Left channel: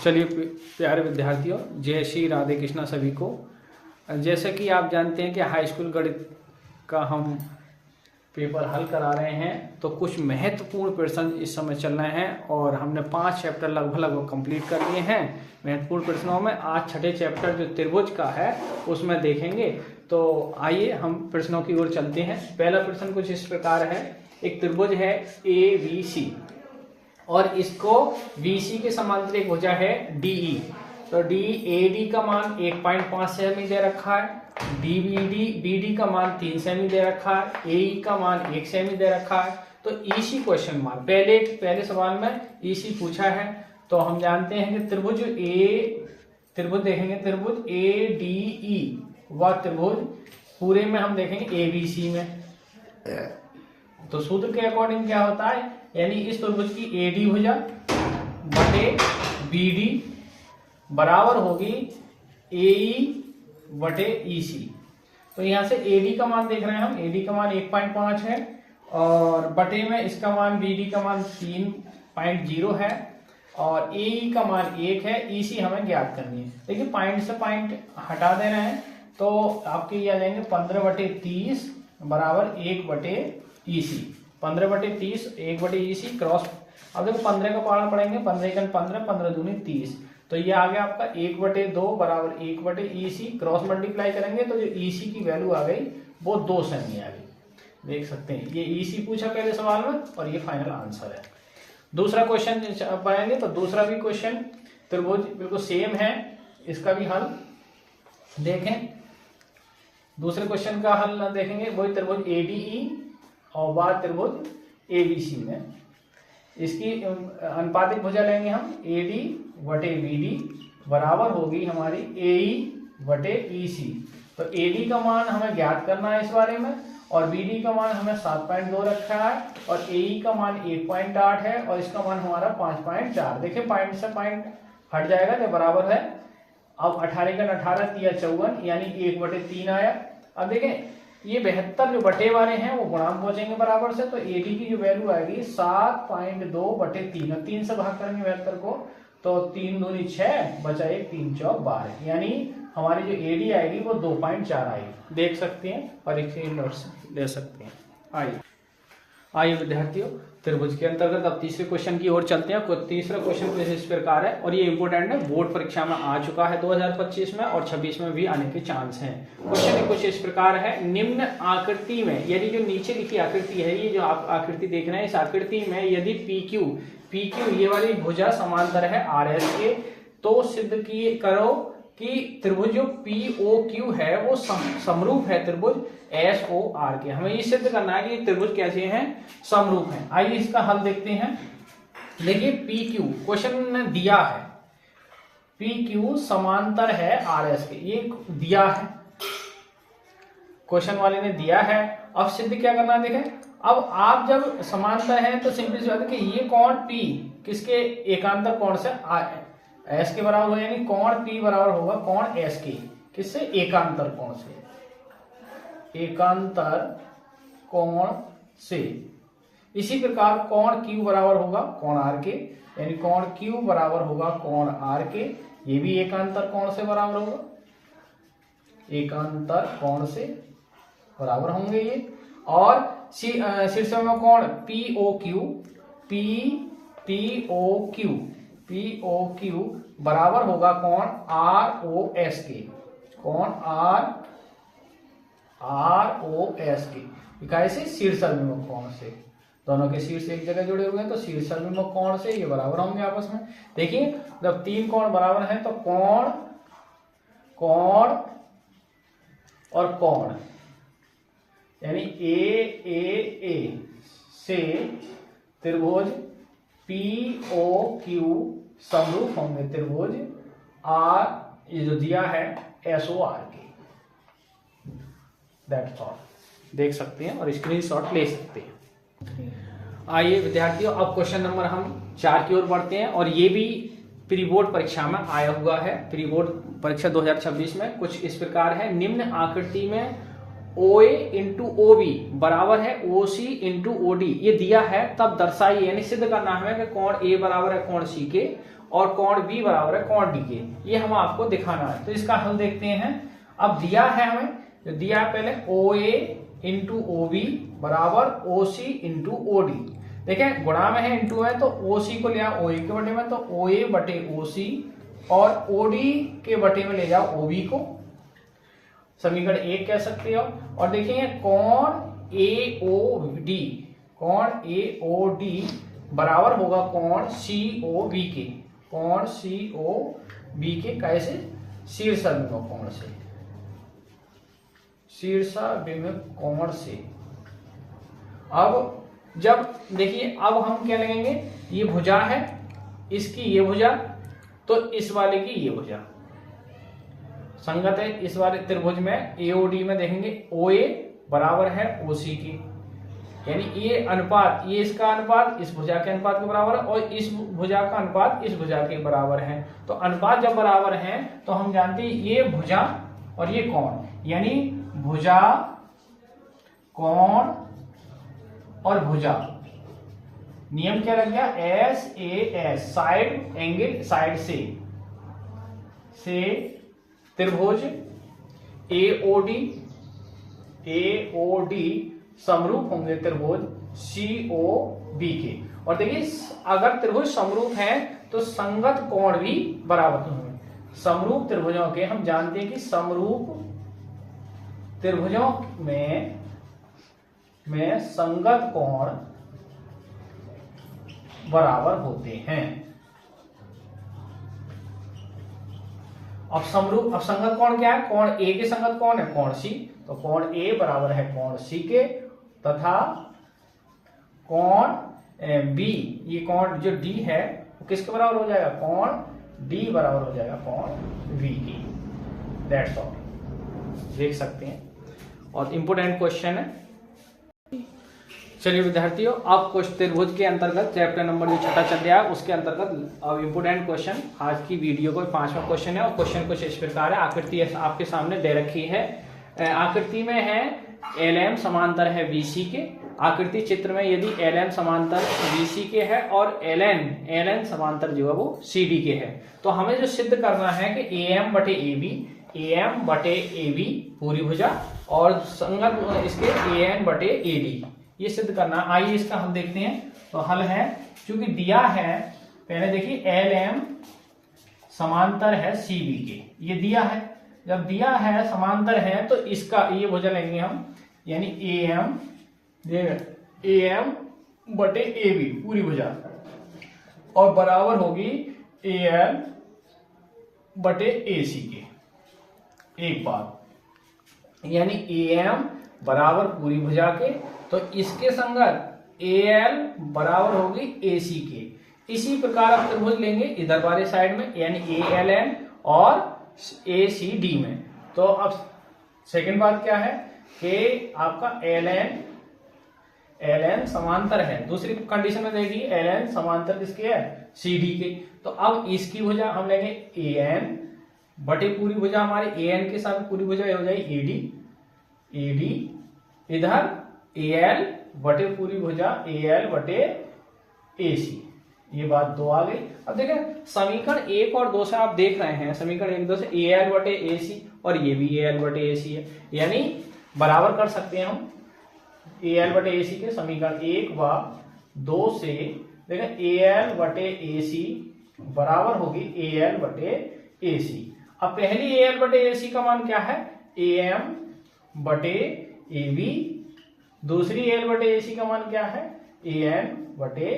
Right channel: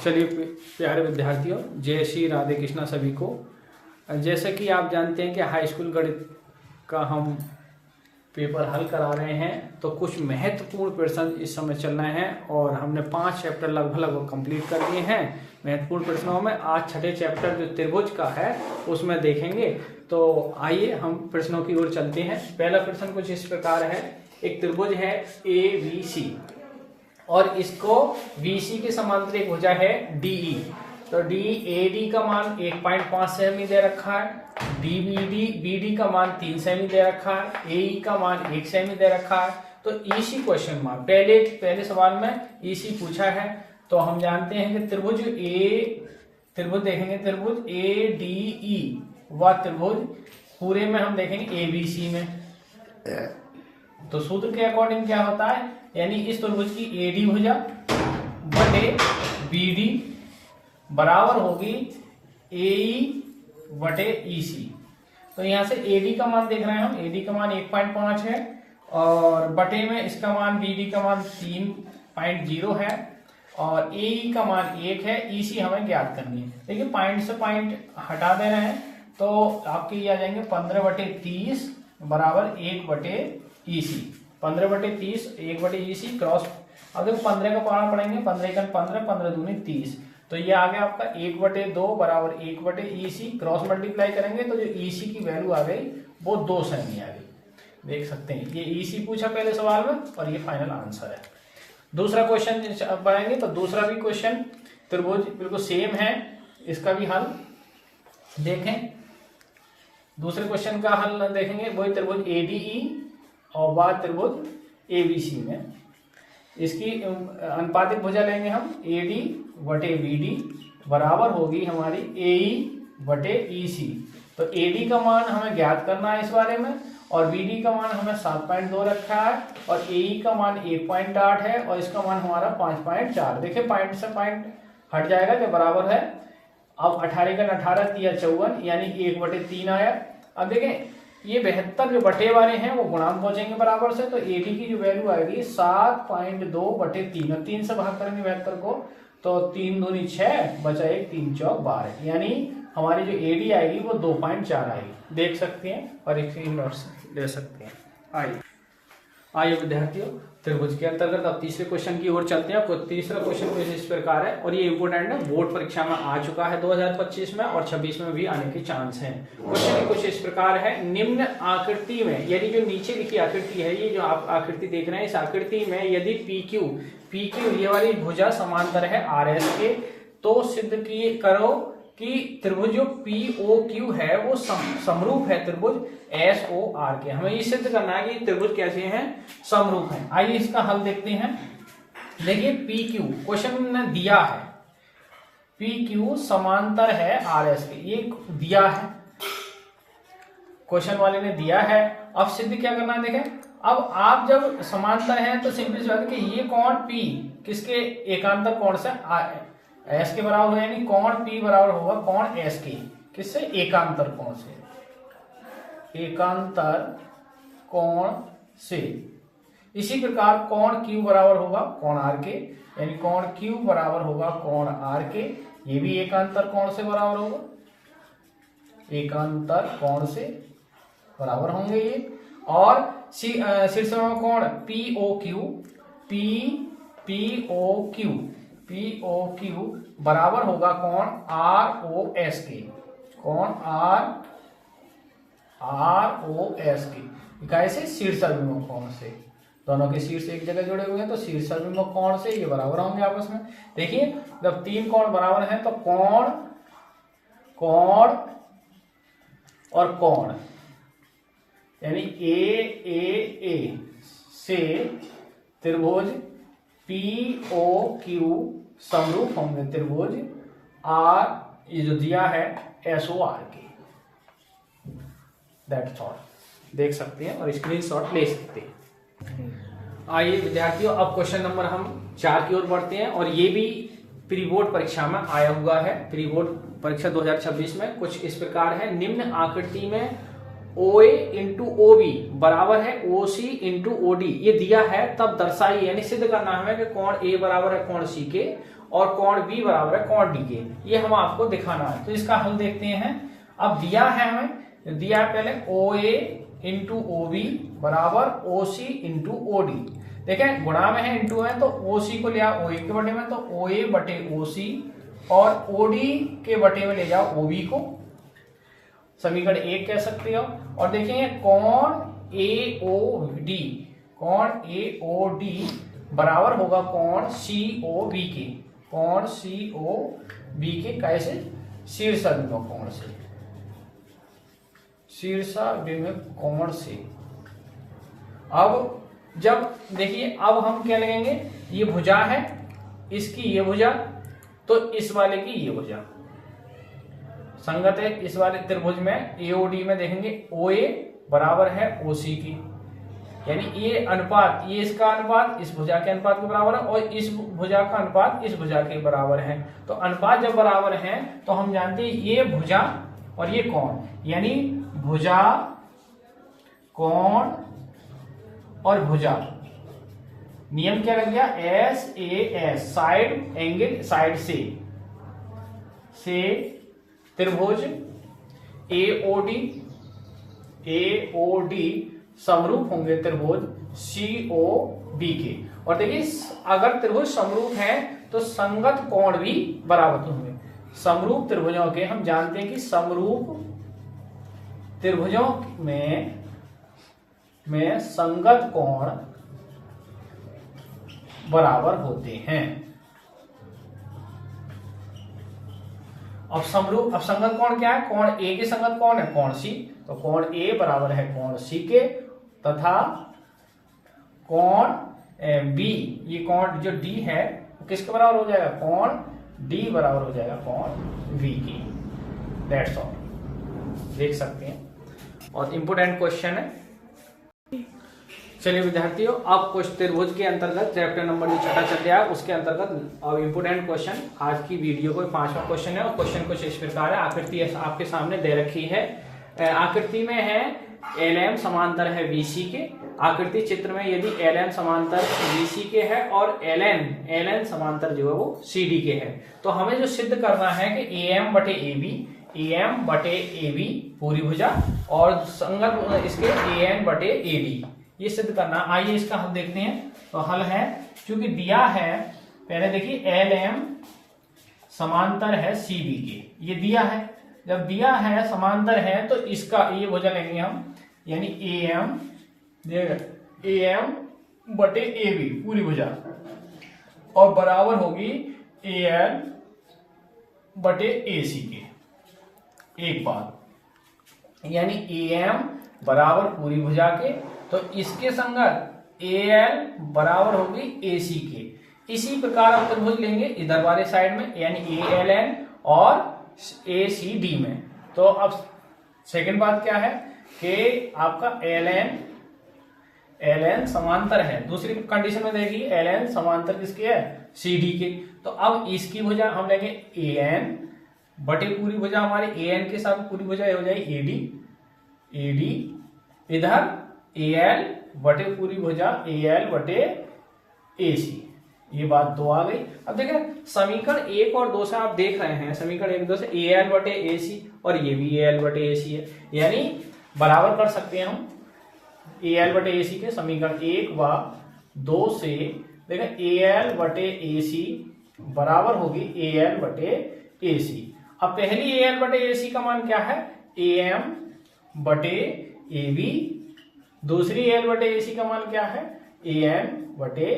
चलिए प्यारे विद्यार्थियों, जय श्री राधे कृष्णा सभी को। जैसे कि आप जानते हैं कि हाई स्कूल गणित का हम पेपर हल करा रहे हैं, तो कुछ महत्वपूर्ण प्रश्न इस समय चल रहे हैं और हमने 5 चैप्टर लगभग कंप्लीट कर लिए हैं। महत्वपूर्ण प्रश्नों में आज छठे चैप्टर जो त्रिभुज का है उसमें देखेंगे। तो आइए हम प्रश्नों की ओर चलते हैं। पहला प्रश्न कुछ इस प्रकार है। एक त्रिभुज है ABC और इसको BC के समांतर एक भुजा है DE। तो DAD का मान 1.5 सेमी दे रखा है, BD का मान 3 सेमी दे रखा है, AE का मान 1 सेमी दे रखा है। तो EC क्वेश्चन मार्क पहले सवाल में EC पूछा है। तो हम जानते हैं कि त्रिभुज देखेंगे, त्रिभुज ADE व त्रिभुज पूरे में हम देखेंगे ABC में। तो सूत्र के अकॉर्डिंग क्या होता है, यानी इस त्रिभुज की AD भुजा बटे BD बराबर होगी AE बटे EC। तो यहां से AD का मान देख रहे हैं हम, AD का मान 1.5 है और बटे में इसका मान BD का मान 3.0 है और AE का मान 1 है। EC हमें ज्ञात करनी है। देखिए पॉइंट से पॉइंट हटा दे रहे हैं तो आपके ये आ जाएंगे 15/30 बराबर 1/EC। 15/30 1/EC cross. अब देखो 15 का पहाड़ा पड़ेंगे, 15 15 15 दूनी 30। तो ये आ गया आपका 1/2 बराबर 1/EC। क्रॉस मल्टीप्लाई करेंगे तो जो EC की वैल्यू आ गई वो 2 सेमी आ गई। देख सकते हैं ये EC पूछा पहले सवाल में और ये फाइनल आंसर है। दूसरा क्वेश्चन बनाएंगे तो दूसरा भी क्वेश्चन त्रिभुज बिल्कुल सेम है, इसका भी हल देखें। दूसरे क्वेश्चन का हल देखेंगे, वही त्रिभुज ADE और बाद त्रिभुज ABC में। इसकी अनुपातिक भुजा लेंगे हम AD बटे BD बराबर होगी हमारी AE बटे EC। तो AD का मान हमें ज्ञात करना है इस बारे में और BD का मान हमें 7.2 रखा है और AE का मान 1.8 है और इसका मान हमारा 5.4। देखिए पॉइंट से पॉइंट हट जाएगा जो बराबर है। अब 18 का 18 तिया 54 यानी 1/3 आया। अब देखें ये 72 जो बटे वाले हैं वो गुणांक पहुंचेंगे बराबर से, तो AD की जो वैल्यू आएगी 7.2/3 और 3 से भाग करेंगे 72 को तो 3 दूनी 6 बचा 1 3 चौक 12, यानी हमारी जो AD आएगी वो 2.4 आएगी। देख सकते हैं और एक नोट्स ले सकते हैं। आइए विद्यार्थियों, त्रिभुज के अंतर्गत अब तीसरे क्वेश्चन की ओर चलते हैं। तीसरा क्वेश्चन कुछ इस प्रकार है और ये इंपोर्टेंट है, बोर्ड परीक्षा में आ चुका है 2025 में और 26 में भी आने के चांस हैं। क्वेश्चन कुछ इस प्रकार है। निम्न आकृति में, यदि जो नीचे लिखी आकृति है, ये जो आप आकृति देख रहे हैं, इस आकृति में यदि PQ ये वाली भुजा समांतर है RS के, तो सिद्ध करो कि त्रिभुज जो POQ है वो समरूप है त्रिभुज SOR के। हमें ये सिद्ध करना है कि त्रिभुज कैसे हैं, समरूप हैं। आइए इसका हल देखते हैं। देखिए PQ क्वेश्चन ने दिया है, PQ समांतर है RS के, ये दिया है, क्वेश्चन वाले ने दिया है। अब सिद्ध क्या करना है, देखें अब आप जब समांतर है तो सिंपल सी बात है कि ये कोण P किसके एकांतर कोण से S के बराबर होगा, यानी कोण P बराबर होगा कोण S के, किससे, एकांतर कोण से, एकांतर कोण से। इसी प्रकार कोण Q बराबर होगा कोण R के, यानी कोण Q बराबर होगा कोण R के, ये भी एकांतर कोण से बराबर होगा, एकांतर कोण से बराबर होंगे ये। और शीर्ष में कोण POQ बराबर होगा कोण ROS के, कोण ROS के। कैसे, शीर्षाभिमुख कोण से, दोनों के शीर्ष एक जगह जुड़े हुए हैं तो शीर्षाभिमुख कोण से ये बराबर होंगे आपस में। देखिए जब 3 कोण बराबर हैं तो कोण और कोण यानी A से त्रिभुज POQ समरूप होंगे त्रिभुज R, ये जो दिया है SOR के। दैट्स ऑल, देख सकते हैं और स्क्रीनशॉट ले सकते हैं। आइए विद्यार्थियों, अब क्वेश्चन नंबर हम 4 की ओर बढ़ते हैं और ये भी प्री बोर्ड परीक्षा में आया हुआ है। प्री बोर्ड परीक्षा 2026 में कुछ इस प्रकार है। निम्न आकृति में OA इंटू OB बराबर है OC इंटू OD, ये दिया है तब दर्शाइए, यानी सिद्ध करना हमें कि कोण A बराबर है कोण C के और कोण B बराबर है कोण D के, ये हम आपको दिखाना है। तो इसका हल देखते हैं। अब दिया है हमें, तो दिया है पहले OA इंटू OB बराबर OC इंटू OD। देखें गुणा में है इंटू है, तो OC को लिया OA के बटे में, तो OA बटे OC और OD के बटे में ले जाओ OB को, समीकरण 1 कह सकते हो। और देखिए कोण AOD, कोण AOD बराबर होगा कोण COB के, कोण COB के कैसे, शीर्षाभिमुख कोण से, शीर्षाभिमुख कोण से। अब जब देखिए अब हम क्या लगेंगे, ये भुजा है, इसकी ये भुजा, तो इस वाले की ये भुजा संगत है। इस वाले त्रिभुज में AOD में देखेंगे OA बराबर है OC की, यानी ये अनुपात, ये इसका अनुपात इस भुजा के अनुपात के बराबर है और इस भुजा का अनुपात इस भुजा के बराबर है। तो अनुपात जब बराबर है तो हम जानते हैं ये भुजा और ये कोण, यानी भुजा कोण और भुजा, नियम क्या लग गया, SAS साइड एंगल, साइड से त्रिभुज AOD समरूप होंगे त्रिभुज COB के। और देखिए अगर त्रिभुज समरूप है तो संगत कोण भी बराबर होंगे। समरूप त्रिभुजों के हम जानते हैं कि समरूप त्रिभुजों में संगत कोण बराबर होते हैं। अब संगत कोण क्या है, कोण A के संगत कोण है कोण C, तो कोण A बराबर है कोण C के, तथा कोण B, ये कोण जो D है वो किसके बराबर हो जाएगा, कोण D बराबर हो जाएगा कोण V की। दैट्स ऑल, देख सकते हैं। और इंपोर्टेंट क्वेश्चन है। चलिए विद्यार्थियों, अब कुछ त्रिभुज के अंतर्गत चैप्टर नंबर जो छठा चल रहा है उसके अंतर्गत अब इंपोर्टेंट क्वेश्चन आज की वीडियो को 5वां क्वेश्चन है। और क्वेश्चन कुछ इस प्रकार है, आकृति आपके सामने दे रखी है। आकृति में है LM समांतर है BC के। आकृति चित्र में यदि LM समांतर BC के है और LN समांतर जो है वो CD के है, तो हमें जो सिद्ध करना है कि AM बटे AB पूरी भुजा और संगत इसके AN बटे AD, ये सिद्ध करना। आइए इसका हल देखते हैं। तो हल है, क्योंकि दिया है, पहले देखिए LM समांतर है CD के, ये दिया है, जब दिया है समांतर है तो इसका ये भुजा लेंगे हम, यानी AM बटे AB पूरी भुजा और बराबर होगी AN बटे AC के। एक बात, यानी AM बराबर पूरी भुजा के, तो इसके संगत AL बराबर होगी AC के। इसी प्रकार आप त्रिभुज लेंगे इधर वाले साइड में, यानी ALN और ACD में। तो अब सेकंड बात क्या है कि आपका LN समांतर है, दूसरी कंडीशन में देखिए LN समांतर किसके है, CD के। तो अब इसकी भुजा हम लेंगे AN बटे पूरी भुजा, हमारे AN के साथ पूरी भुजा हो जाएगी AD, इधर AL बटे पूरी भुजा AL बटे AC। ये बात 2 आ गई। अब देखें समीकरण 1 और 2 से आप देख रहे हैं, समीकरण 1 2 से AL बटे AC और ये भी AL बटे AC है, यानी बराबर कर सकते हैं हम AL बटे AC के। समीकरण 1 व 2 से देखें AL बटे AC बराबर होगी AL बटे AC। अब पहली AL बटे AC का मान क्या है, AM बटे AB, दूसरी AL बटे AC का मान क्या है, AN बटे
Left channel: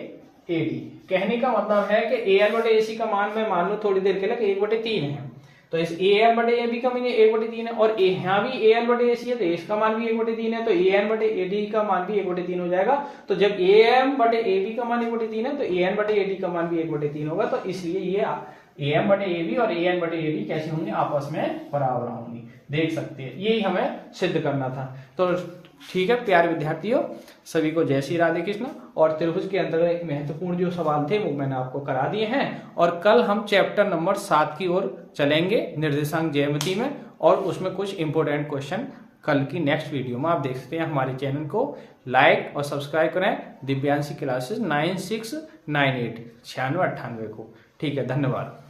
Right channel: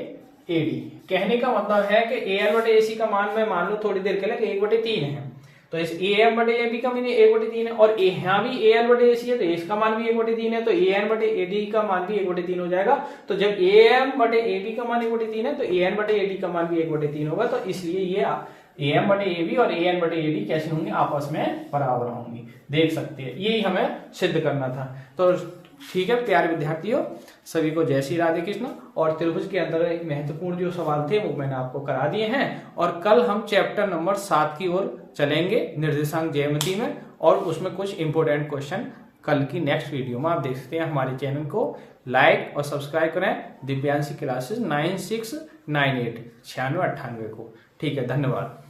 AD। कहने का मतलब है कि AL बटे AC का मान में मान लो थोड़ी देर के लिए 1/3 है, तो इस AM बटे AB का मान 1/3 है, और यहाँ भी AL बटे AC है तो इसका मान भी 1/3 है, तो AN बटे AD का मान भी 1/3 हो जाएगा। तो जब AM बटे AD का मान 1/3 है तो AN बटे AD का मान भी 1/3 होगा। तो इसलिए ये AM बटे AB और AN बटे AD कैसे होंगे, आपस में बराबर होंगी, देख सकते हैं। यही हमें सिद्ध करना था। तो ठीक है प्यारे विद्यार्थियों, सभी को जय श्री राधे कृष्ण। और त्रिभुज के अंदर एक महत्वपूर्ण जो सवाल थे वो मैंने आपको करा दिए हैं, और कल हम चैप्टर नंबर 7 की ओर चलेंगे निर्देशांक ज्यामिति में, और उसमें कुछ इंपोर्टेंट क्वेश्चन कल की नेक्स्ट वीडियो में। आप देख सकते हैं हमारे चैनल को लाइक और सब्सक्राइब करें, दिव्यांशी क्लासेस 9698 9698 को। ठीक है, धन्यवाद।